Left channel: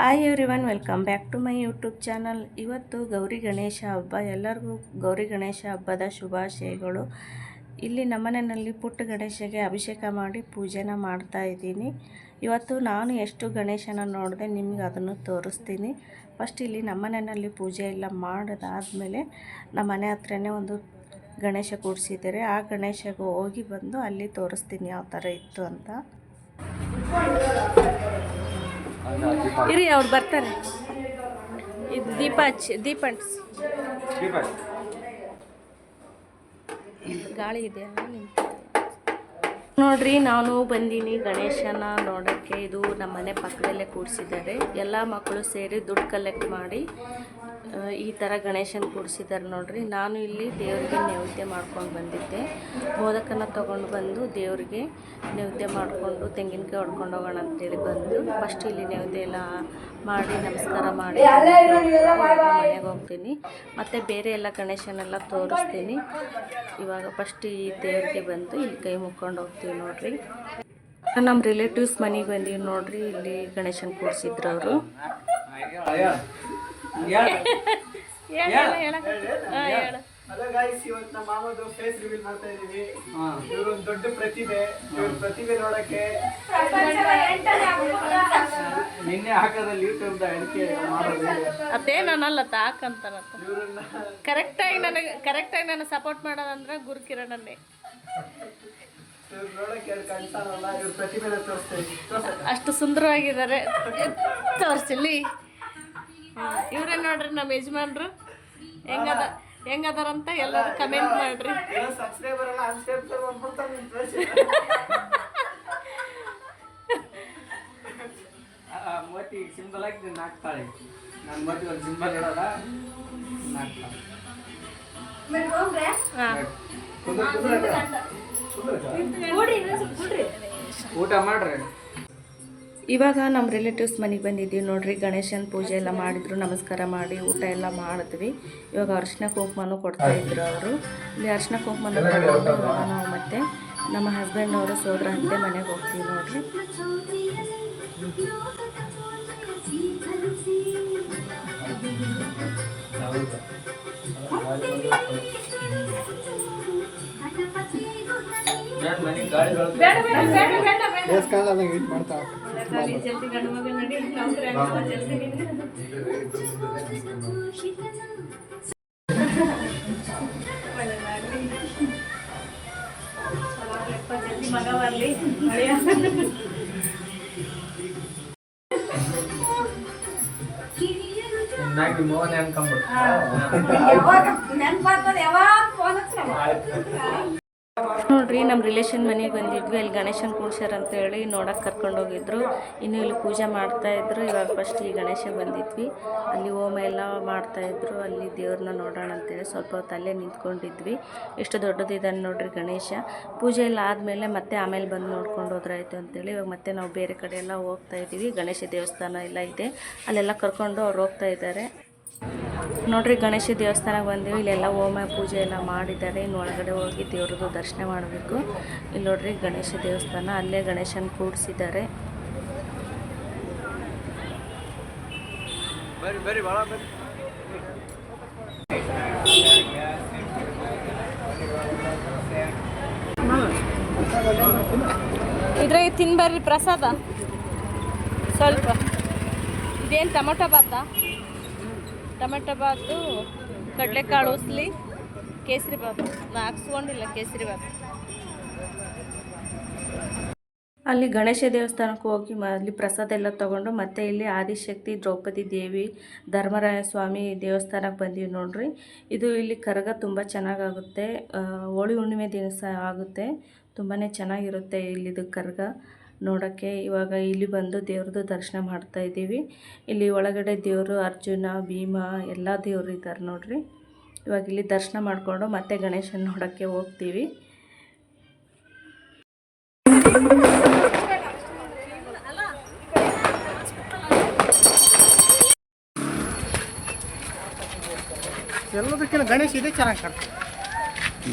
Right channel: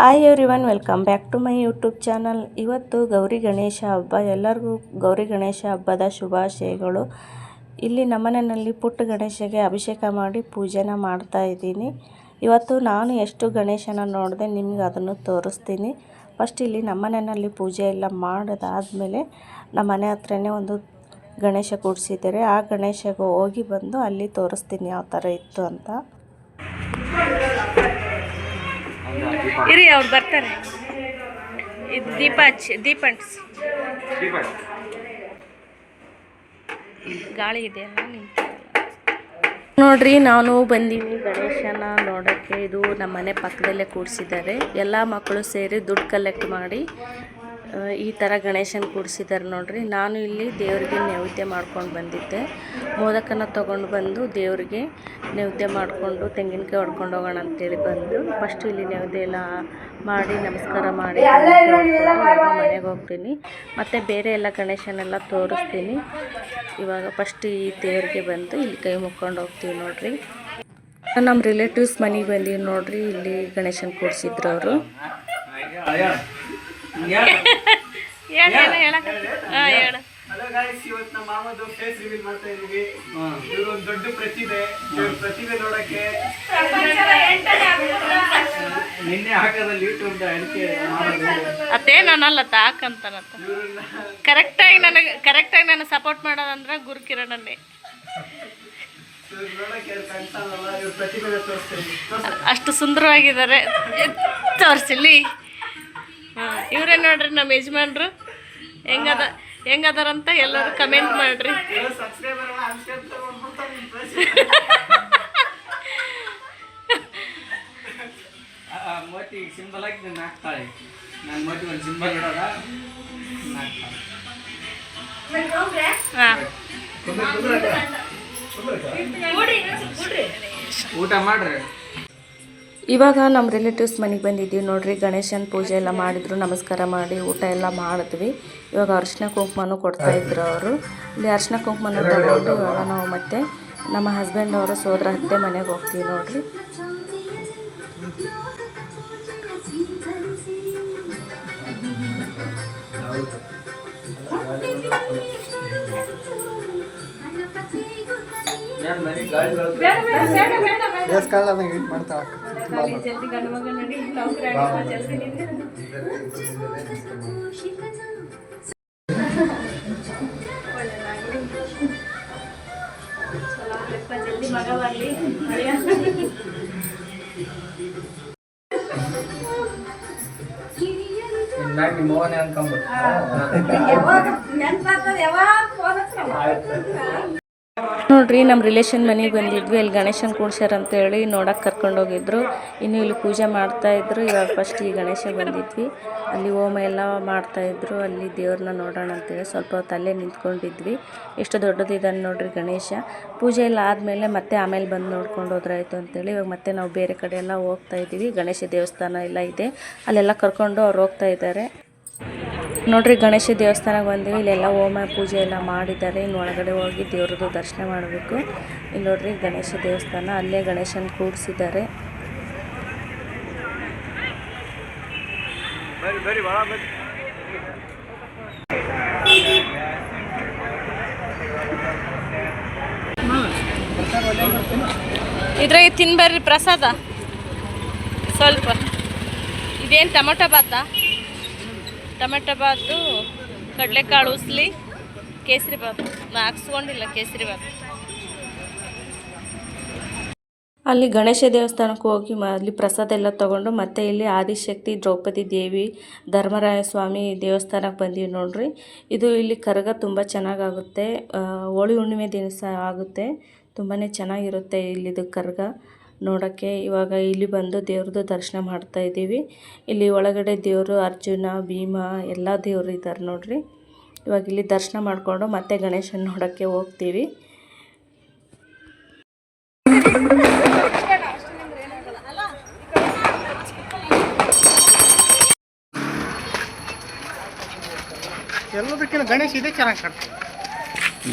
Hi everyone, welcome back to my YouTube channel. ಇವತ್ತು ಗೌರಿ ಗಣೇಶ ಹಬ್ಬ. ಎಲ್ಲರಿಗೂ ಗೌರಿ ಗಣೇಶ ಹಬ್ಬದ ಶುಭಾಶಯಗಳು. ಇಲ್ಲಿ ನಮ್ಮನೆಯಲ್ಲಿ ಪುಟ್ಟ ಗಣೇಶಗೆ ಅಭಿಷೇಕ ಮಾಡಿ ಪೂಜೆನ ಮಾಡ್ತಾ ಇದ್ದೀನಿ. ಇವತ್ತು ನಾನು ಎಷ್ಟು ಗಣೇಶನ ನೋಡಿದೆ ನಿಮ್ಗೆ ಅದನ್ನು ತೋರಿಸ್ತೀನಿ. ಫಸ್ಟ್ ಇಲ್ಲಿ ನಮ್ಮನೆಯಲ್ಲಿ ಪೂಜೆ ಎಲ್ಲ ಮಾಡಿದಾದ್ಮೇಲೆ ನಮ್ಮ ಮನೆ ಹತ್ರನೇ ಒಂದು ಗಣೇಶ ಕೂಡಿಸಿದ್ದಾರೆ. ಆ ಗಣೇಶಗೆ ಹೋಗಿ ಬಂದು ಅಲ್ಲಿ ತೋರಿಸ್ತೀನಿ ಯಾವ ಥರ ಇತ್ತು ಅಂತ. ಇರಿ, ಅವ್ರು ಬರ್ತಾರೆ. ಇದು ದೀಪಂಟ್ಸ್ ಗಾಳಿ ಇದೆ ನೋಡ್ರಿ. ನಾನು ಬಂದೀನಿ ಗಣೇಶನ ನೋಡೋಕ್ಕೆ. ಇದು ನಮ್ಮ ಮನೆ ಪಕ್ಕದಲ್ಲೇ ಕೂಡಿಸಿದ್ದಾರೆ. ಎಲ್ಲ ಮಕ್ಕಳು ಸೇರಿ ದುಡ್ಡು ಕಲೆಕ್ಟ್ ಮಾಡಿ ಈ ಥರ ಗಣೇಶನ ಕೂಡಿಸಿದ್ದಾರೆ ನೋಡ್ರಿ. ನಾನು ಇಲ್ಲಿ ದೇವರಿಗೆ ನೈವೇದ್ಯ ಮಾಡ್ಕೊಂಡು ಬಂದಿದ್ದೆ. ಮೋದಕನ ತೊಗೊಂಡು ಬಂದು ದೇವರಿಗೆ ನೈವೇದ್ಯ ಮಾಡಿಕೊಂಡು ತೆಂಗಿನಕಾಯಿ ಹೊಡ್ಕೊಂಡು ಹೋಗೋಣ ಅಂತೇಳಿ ಬಂದು ಫಸ್ಟ್ ಇಲ್ಲಿ ನೈವೇದ್ಯ ಎಲ್ಲ ಮಾಡಿ ನಮಸ್ಕಾರ ಮಾಡಿ ಮನೆಗೆ ಹೋಗ್ತೀನಿ. ಮತ್ತು ಬೇರೆ ಎಲ್ಲ ಗಣೇಶನೆಲ್ಲ ತೋರಿಸ್ತೀನಿ. ಇವಾಗ ಫಸ್ಟ್ ಈ ದೇವರಿಗೆ ಬಂದು ಇಲ್ಲಿ ಕೈ ಮುಕ್ಕೊಂಡು ಹೋಗ್ತೀವಿ ನೋಡ್ರಿ. ನಮ್ಮ ರಿಲೇಟಿವ್ಸ್ ಮನೆಗೆ ಬಂದೀವಿ ನೋಡ್ರಿ. ಇಲ್ಲಿ ಗಣೇಶನ ಕೂಡಿಸಿದ್ರು ಅವರು. ಹಲೋ ಗೈಸ್, ಇವತ್ತು ನಮ್ಮ ಮಾಮದು ಫೇಸ್ ರಿವೀಲ್ ಮಾಡ್ತಾ ಇದೀವಿ. ಇವರು ಒಂದು ದೊಡ್ಡ ಪ್ರತಿಭೆ. ಪ್ರತಿಭೆ ನೋಡಕ್ಕೆ ನಿನ್ನೆ ಹಾಕೋದಲ್ಲಿ ಯೂಟ್ಯೂಬ್ ಅಡಿಕೆ ಅದೇ ನಾನಲ್ಲ ತಾಕಂತಾನಂತ. ಕರೆಕ್ಟಾಗಿ ನನಗೆ ಸಪೋರ್ಟ್ ಮಾಡೋದಂದ್ರೆ ಗುರು ಕಿರಣನ್ನೇ. ಅಷ್ಟು ಸುಂದರವಾಗಿದ್ದಾರೆ. ತೋರಿಸಿಲ್ಲಿ ಇವರೇ ನೋಡ್ರಿ ನಮ್ಮ ಯಜಮಾನ್ರು. ಹೆಂಗದಾರಂತ ಎಲ್ಲರೂ ಕಮೆಂಟ್ ಮಾಡ್ರಿ. ಸಿಂಬಲ್ ಆಗಿ ಹಾಕ್ತಾಳೆ. ನಾನು ಮೋಟಿ ಒಂದು ಸಿಂಬಲ್ ಇಡೋದ ಊಟ ಮಾಡ್ರಿ. ಇವಾಗ ನಮ್ಮ ರಿಲೇಟಿವ್ಸ್ ಮನೆಗೆ ಬಂದಿದ್ದೀವಿ ನೋಡ್ರಿ. ಗಣೇಶನ ಪೂಜೆ ಎಲ್ಲ ಮಾಡಿದ್ರು, ನಮಸ್ಕಾರ ಮಾಡಿ ಊಟ ಎಲ್ಲ ಮಾಡಿದ್ವಿ. ಇವಾಗ ಅರಿಶಿನ ಕುಂಕುಮನೂ ಕೊಡ್ತಾಯಿದ್ರು ಅವರು. ಇಲ್ಲಿ ಅರಿಶಿನ ಕುಂಕುಮನ ತಗೊಂಡು ಇವಾಗ ನಾವು ಮತ್ತೆ ನಮ್ಮ ಹಸ್ಬೆಂಡ್ ಅವರು ಸೋದರ ಅತ್ತೆ ಮನೆಗೆ ಹೋಗ್ತೀವಿ ನೋಡ್ರಿ. ನೋಡ್ರಿ, ನಮ್ಮ ರಿಲೇಷನ್ ಮನೆಗೆ ಬಂದಿದ್ವಿ. ಅಲ್ಲಿ ಗಣೇಶನ ಕೂಡ್ಸ್ಯಾರ ಅಂತೇಳಿ ನೋಡಕ್ಕೆ ಕರ್ಕೊಂಡೋಗಿದ್ರು. ಇನ್ನು ಇಲ್ಲಿ ಪೂಜೆ ಮಾಡ್ತಾಯಿದ್ರು. ಇವಾಗ ಫಸ್ಟ್ ಈ ಗಣೇಶ ಬಂದಿದ್ವಿ. ಅಲ್ಲಿ ಹೋಮ ಎಲ್ಲ ಮಾಡ್ತಾಯಿದ್ರು. ಅಲ್ಲಿ ದೇವ್ರನ್ನ ನೋಡೋಣ ಅಂತೇಳಿ ಸ್ವಲ್ಪ ಹೊತ್ತು ಅಲ್ಲೇ ನಿಂತ್ಕೊಂಡಿದ್ವಿ. ಎಷ್ಟು ದೊಡ್ಡದಿದ್ದಾನೆ ನೋಡ್ರಿ ಗಣೇಶ. ಪೂಜೆ ಎಲ್ಲ ಆದಮೇಲೆ ಮತ್ತೆ ಆಮೇಲೆ ಬಂದು ನೋಡ್ಕೊಂಡು ಹೋದ್ರಾಯ್ತು ಅಂತೇಳಿ ಇವಾಗ ಮತ್ತೆ ನಾವು ಬೇರೆ ಕಡೆ ಎಲ್ಲ ಹೋಗ್ತಾಯಿದ್ದೀವಿ. ಗಣೇಶ ದೇವಸ್ಥಾನ ಎಲ್ಲ ಇದೆ, ಅಲ್ಲೆಲ್ಲ ಕರ್ಕೊಂಡು ಅವ್ರು ಹೋಗ್ತಾ ಇದ್ದಾರೆ ನೋಡ್ರಿ. ಗಣೇಶ ದೇವಸ್ಥಾನಕ್ಕೆ ಬಂದಿವಿ. ಇಲ್ಲೆಲ್ಲ ಹೋಮ ಪೂಜೆ ಎಲ್ಲ ಮಾಡಿದ್ದಾರೆ. ಇನ್ನು ಒಳಗಡೆ ಹೋಗಿ ದೇವ್ರದ್ದು ದರ್ಶನ ಮಾಡಬೇಕು. ಇಲ್ಲಿ ನೋಡ್ರಿ ಗಣೇಶ ದೇವಸ್ಥಾನ, ಅಲ್ಲೇ ಗಣೇಶನ ಕೂಡಿಸಿದ್ದಾರೆ. ಇದ್ರಾಗ ತಿನ್ಬರ್ರಿ ಪ್ರಸಾದ ಸ್ವಲ್ಪ. ಇದೇನು ಟೊಮೊಟೊ ಬಾತು, ಕಡಲೆಕಾಳು ಉಸ್ಲಿ, ಕೇಸರಿ ಬಾತು. ಹಾಕ್ಸ್ಕೊಂಡಿಲ್ಲ ಕೇಸರಿ ಬಾತು. ಅಲ್ಲಿ ಗಣೇಶ ದೇವಸ್ಥಾನಕ್ಕೆ ಹೋಗಿ ಅಲ್ಲಿ ಪ್ರಸಾದ ಎಲ್ಲ ತೊಗೊಂಡು ಮತ್ತೆ ಇಲ್ಲಿ ಆದಿಶಕ್ತಿ ದ್ರೌಪದಿ ದೇವಿ ಧರ್ಮರಾಯ ಸ್ವಾಮಿ ದೇವಸ್ಥಾನಕ್ಕೆ ಬಂದೀವಿ ನೋಡ್ರಿ. ಇದು ಇಲ್ಲಿ ಕರಗ ತುಂಬ ಚೆನ್ನಾಗಾಗುತ್ತೆ. ಹೋಳಿ ಹುಣ್ಣಿಮೆ ದಿವಸ ಆಗುತ್ತೆ. ತುಂಬಾ ಚೆನ್ನಾಗಿರುತ್ತೆ ಇಲ್ಲಿದು ಕರಗ ನೋಡೋಕ್ಕೆ. ಇವಾಗ ಇಲ್ಲಿ ಬಂದು ದೇವ್ರದ್ದು ದರ್ಶನ ಮಾಡ್ತಾ ಇದ್ದೀವಿ. ಇಲ್ಲಿ ಒಳಗಡೆ ದೇವರು ಅರ್ಜುನ, ಭೀಮ ಎಲ್ಲ ದೇವರು ಇದ್ದಾರೆ ನೋಡ್ರಿ. ಇವಾಗ ಇಲ್ಲಿ ದರ್ಶನ ಮಾಡಿಕೊಂಡು ಮತ್ತೆ ಗಣೇಶನ ನೋಡೋಕ್ಕೆ ಹೋಗ್ತೀವಿ. ಎಲ್ಲದಕ್ಕಿಂತ ಗಣೇಶ ಇದೆ ಚೆನ್ನಾಗಿ ಕಾಣ್ತದೆ.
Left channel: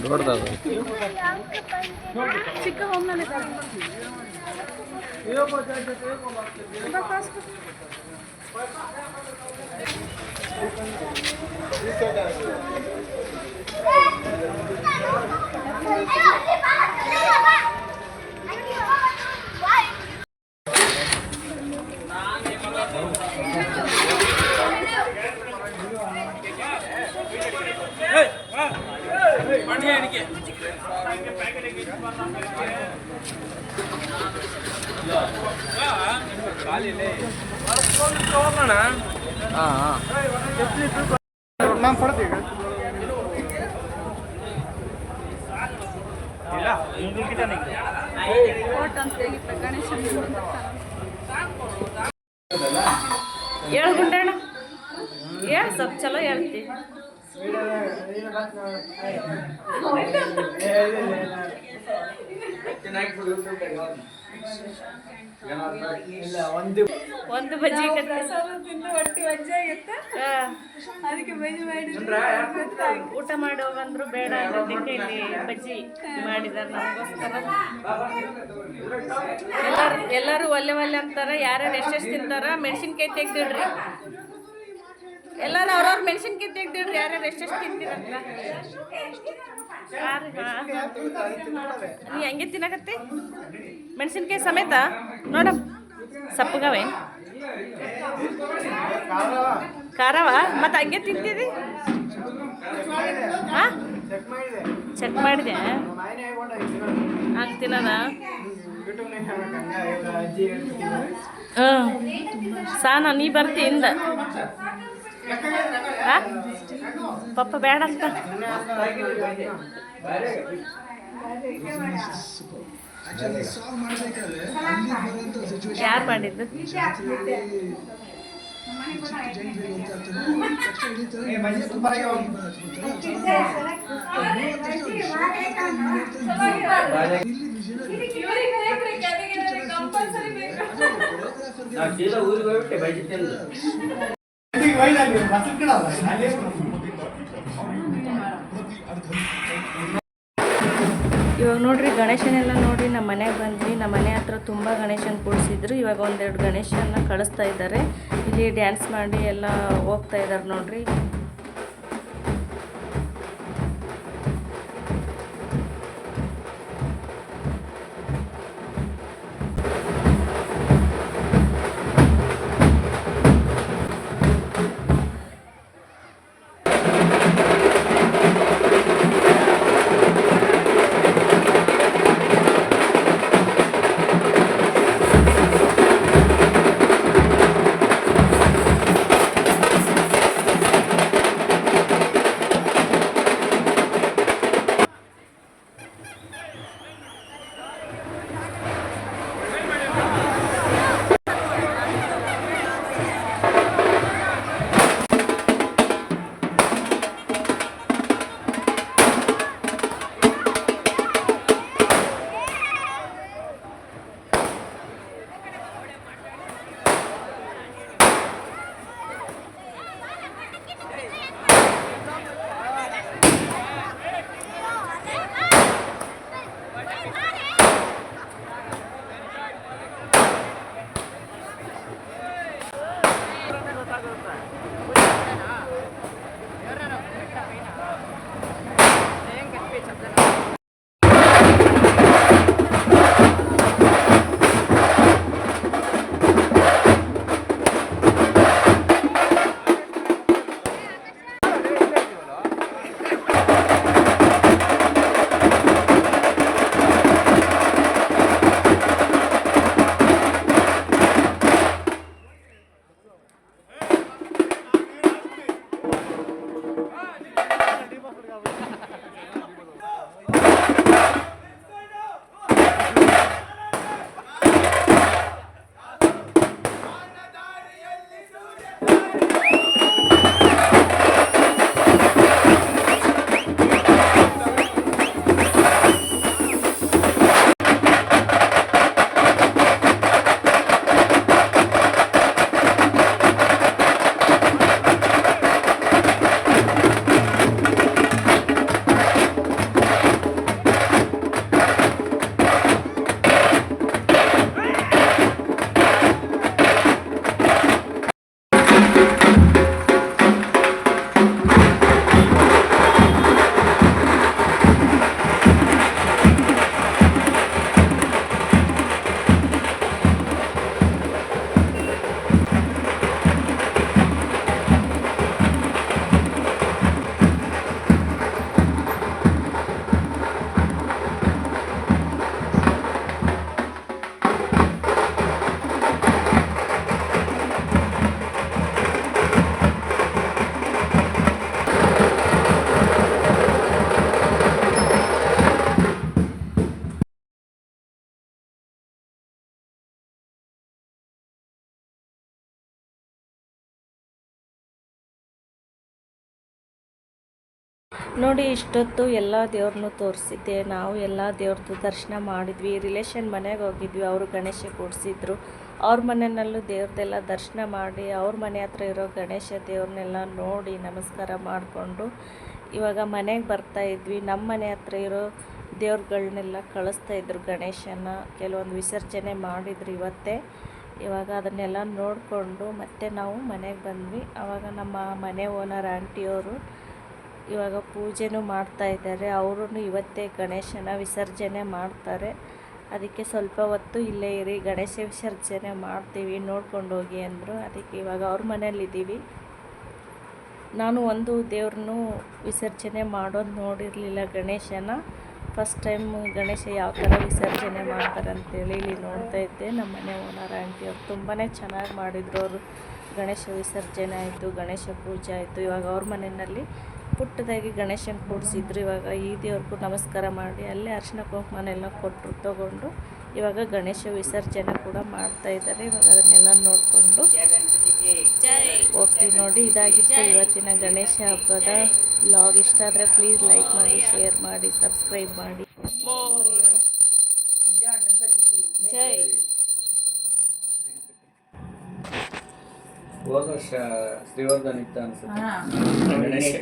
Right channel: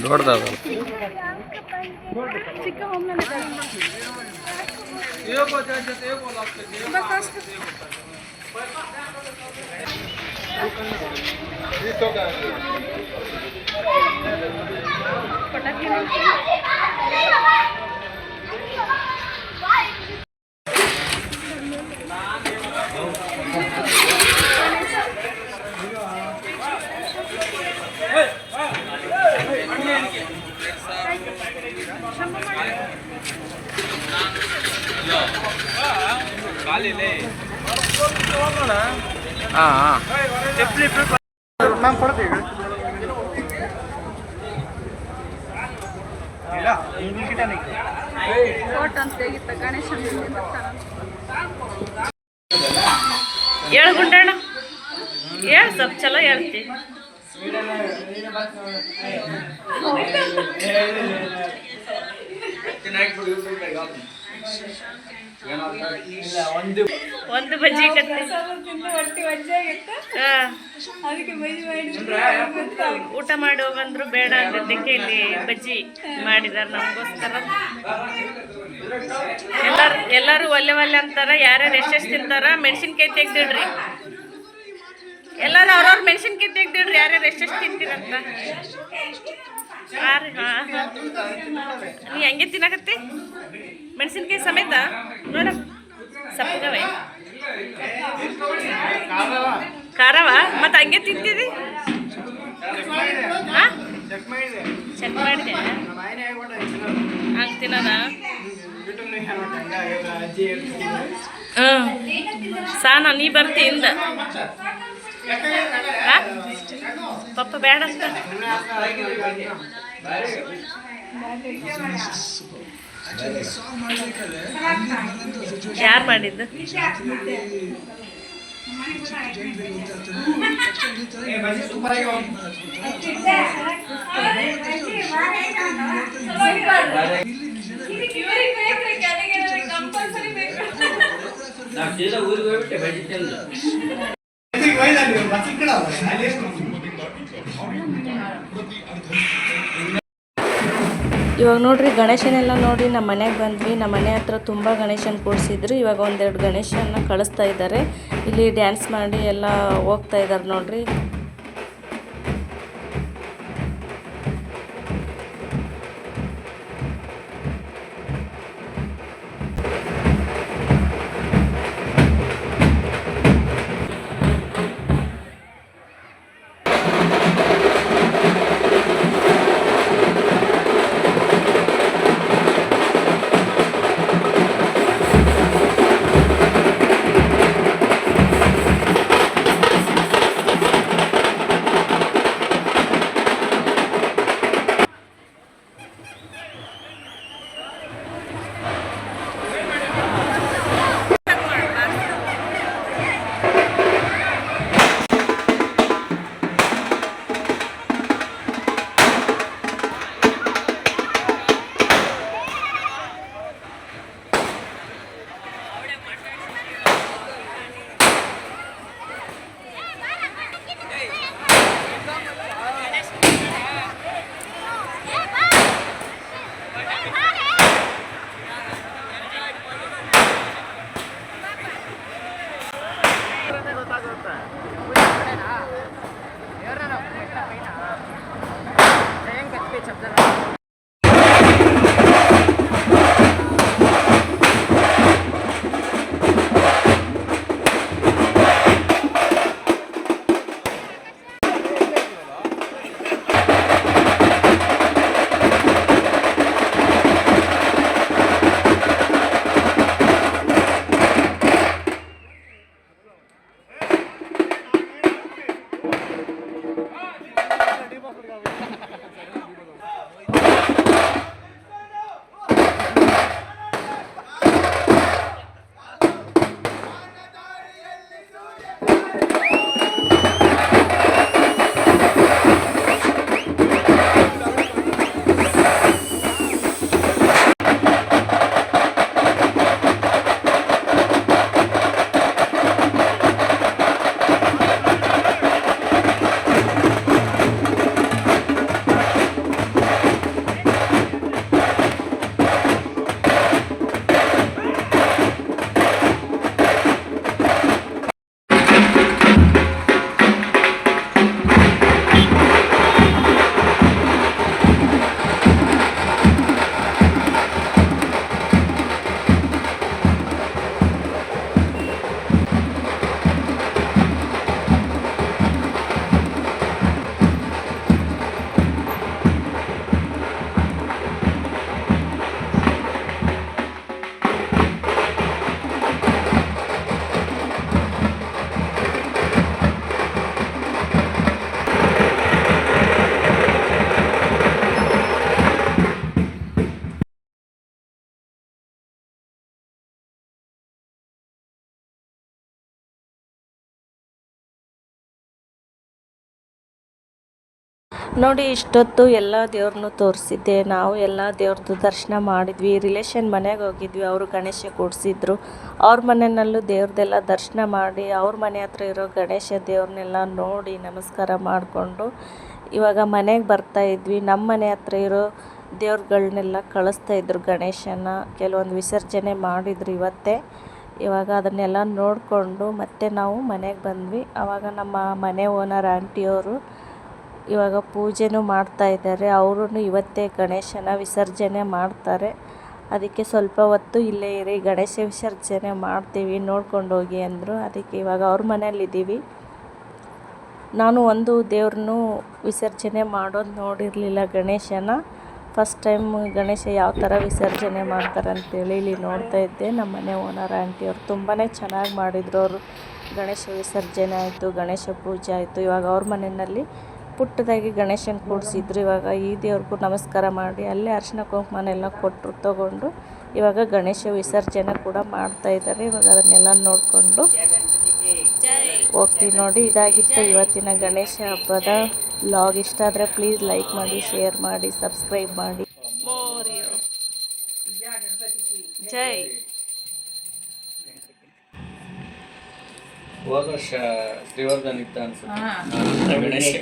ದೊಡ್ಡದಾದ ಹೇಳು ಗುಂಡಣ್ಣ, ಹೇಳು ಸ್ವಲ್ಪ ಚಲೋ ಹೇಳ್ತಿ. ಒಂದು ಬಜ್ಜಿ ಕತ್ತಿ ಊಟ ಮಾಡಿ ಹೋಗಂದ್ರು ಬೇಡ ಅನ್ನೋದಕ್ಕೆ ಇಲ್ಲಿ ಬಜ್ಜಿ ಮಾಡಿದಾರೆ ನಮಗೋಸ್ಕರ. ಎಲ್ಲರೂ ಒಲ್ಲೆ ಒಲ್ಲೆ ಅಂತಾರ. ಯಾರ್ಯಾರು ಎಷ್ಟೆಷ್ಟು ತಿಂತಾರ ಮೆಣಸಿನ್ಕಾಯಿ ತೆಗ್ದಿಡ್ರಿ. ಎಲ್ಲರೂ ಅವ್ರವ್ರ ಮೆಣಸಿನ್ಕಾಯಿ ತೆಗ್ದಿಡ್ರಿ, ಯಾರ್ಯಾರು ಎಷ್ಟೆಷ್ಟು ತಿಂತೀರಂತ. ಹಾಂ ನೀ ಹಂಗೆ ತಿನ್ನಕತ್ತಿ ಮೆಣಸಿನ್ಕಾಯಿ ಸಮೇತ ನೋಡ. ಸಪ್ಪಗವೆ ಖಾರವ ಮತ್ತು ಹಂಗೆ ತಿಂತಿದಿ. ಹಾಂ ಚೆಕ್ ಮಾಡಿದೆ ಹಂಗೆ ತಿನ್ನೋಣ. ಹಾಂ ಸಾನ ನೀ ಬರ್ತಿ ಹಿಂದ. ಹಾಂ ಪಪ್ಪ ಬೇಡ ಅಂತ ಯಾರು ಮಾಡಿದ್ದು? ಇವಾಗ ನೋಡ್ರಿ ಗಣೇಶನೆಲ್ಲ ನೋಡಿ ನಮ್ಮ ಮನೆಗೆ ಬಂದ್ವಿ. ನಮ್ಮ ಮನೆ ಹತ್ರ ತುಂಬ ಗಣೇಶನ ಕೂಡಿಸಿದ್ರು. ಇವಾಗ ಒಂದೆರಡು ಗಣೇಶನ ಕಳಿಸ್ತಾ ಇದ್ದಾರೆ. ಇಲ್ಲಿ ಡ್ಯಾನ್ಸ್ ಮಾಡಿ ಎಲ್ಲ ಹೋಗ್ತಾ ಇದ್ದಾರೆ ನೋಡ್ರಿ. ನೋಡಿ ಇಷ್ಟೊತ್ತು ಎಲ್ಲ ದೇವ್ರನ್ನೂ ತೋರಿಸಿದ್ದೆ. ನಾವು ಎಲ್ಲ ದೇವ್ರದ್ದು ದರ್ಶನ ಮಾಡಿದ್ವಿ. ರಿಲೇಷನ್ ಮನೆಗೆ ಹೋಗಿದ್ವಿ, ಅವರು ಗಣೇಶ ಕೂಡಿಸಿದ್ರು. ಅವ್ರ ಮನೆಯಲ್ಲೂ ದೇವ್ರದ್ದೆಲ್ಲ ದರ್ಶನ ಮಾಡಿ ಅವ್ರ ಮನೆ ಹತ್ರ ಇರೋ ಗಣೇಶ ದೇವ್ರನ್ನೆಲ್ಲ ನೋಡಿ ನಮಸ್ಕಾರ ಮಾಡಿಕೊಂಡು ಇವಾಗ ಮನೆಗೆ ಬರ್ತಾಯಿದ್ವಿ. ನಮ್ಮ ಮನೆ ಹತ್ರ ಇರೋ ದೇವ್ರುಗಳನ್ನೆಲ್ಲ ಕಳಿಸ್ತಾಯಿದ್ರು ಗಣೇಶನ. ಕೆಲವೊಂದು ವಿಸರ್ಜನೆ ಮಾಡಿದ್ರು ಇವತ್ತೇ. ಇವಾಗ ಅದನ್ನೆಲ್ಲ ನೋಡಿಕೊಂಡು ಮತ್ತೆ ನಾವು ಮನೆಗೆ ಬಂದ್ವಿ. ಆವಾಗ ನಮ್ಮ ಮನೆ ಓನರ್ ಆಂಟಿಯವರು ಇವಾಗ ಪೂಜೆನೂ ಮಾಡ್ತಾಯಿದ್ದಾರೆ. ಅವರು ಇವತ್ತೇ ಗಣೇಶನ ವಿಸರ್ಜನೆ ಮಾಡ್ತಾರೆ. ಅದಕ್ಕೆ ಸ್ವಲ್ಪ ಹೊತ್ತು ಇಲ್ಲೇ ಇರಿ, ಗಣೇಶ ವಿಸರ್ಜನೆ ಮಾಡ್ತೀವಿ, ನೋಡ್ಕೊಂಡು ಹೋಗಿ ಅಂದರು. ಅದಕ್ಕೆ ಇವಾಗ ಅವ್ರ ಮನೇಲಿದ್ದೀವಿ. ನಾನು ಒಂದು ದೇವ್ರನ್ನೂ ವಿಸರ್ಜನೆ ಮಾಡೋದು ನೋಡಿರಲಿಲ್ಲ ಗಣೇಶನ. ಫಸ್ಟ್ ಟೈಮ್ ಗಣೇಶ ಯಾವ ಥರ ವಿಸರ್ಜನೆ ಮಾಡ್ತಾರೆ ಅಂತೇಳಿ ಇಲ್ಲಿ ನೋಡ್ತಾ ಇದ್ದೆ. ನಮ್ಮ ಮನೆ ಓನರ್ ಆಂಟಿಯವರು ತುಂಬಾ ಚೆನ್ನಾಗಿ ಮಾಡಿದರು. ಅವರು ಗಣೇಶ ವಿಸರ್ಜನೆ ಆಯಿತು, ಗಣೇಶ ಪೂಜೆ ಆಯಿತು. ಇವಾಗ ಅವ್ರ ಮನೆಯಲ್ಲಿ ಪುಟ್ಟದಾಗಿ ಗಣೇಶನ ಕೂಡಿಸಿದ್ರು. ಇವಾಗ ಈ ದೇವ್ರಿಗೂ ನಮಸ್ಕಾರ ಮಾಡಿ ಅಲ್ಲೇ ಅರಿಶಿನ ಕುಂಕುಮನೆಲ್ಲ ಕೊಟ್ಟರು ತಗೊಂಡು ಇವಾಗ ಗಣೇಶ ವಿಸರ್ಜನೆ ಕೂಡ ಮಾಡ್ತಾಯಿದ್ದಾರೆ. ಇವಾಗ ಅದನ್ನೆಲ್ಲ ನೋಡಿಕೊಂಡು ಹೋಗ್ತೀವಿ. ನೋಡಿ, ಇದಾಗಿತ್ತು ಇವತ್ತಿನ ಗಣೇಶ ಹಬ್ಬದ ವ್ಲಾಗ್. ಇಷ್ಟ ಆದರೆ ಪ್ಲೀಸ್ ಲೈಕ್ ಮಾಡಿ, ಶೇರ್ ಮಾಡಿ, ಸಬ್ಸ್ಕ್ರೈಬ್ ಮಾಡಿ. ಜೈ. ಹೋದ ವರ್ಷ ಶ್ರೀವರ್ಧನ್ ಇತ್ತ ಅನ್ಸುತ್ತೆ ಗಣೇಶ.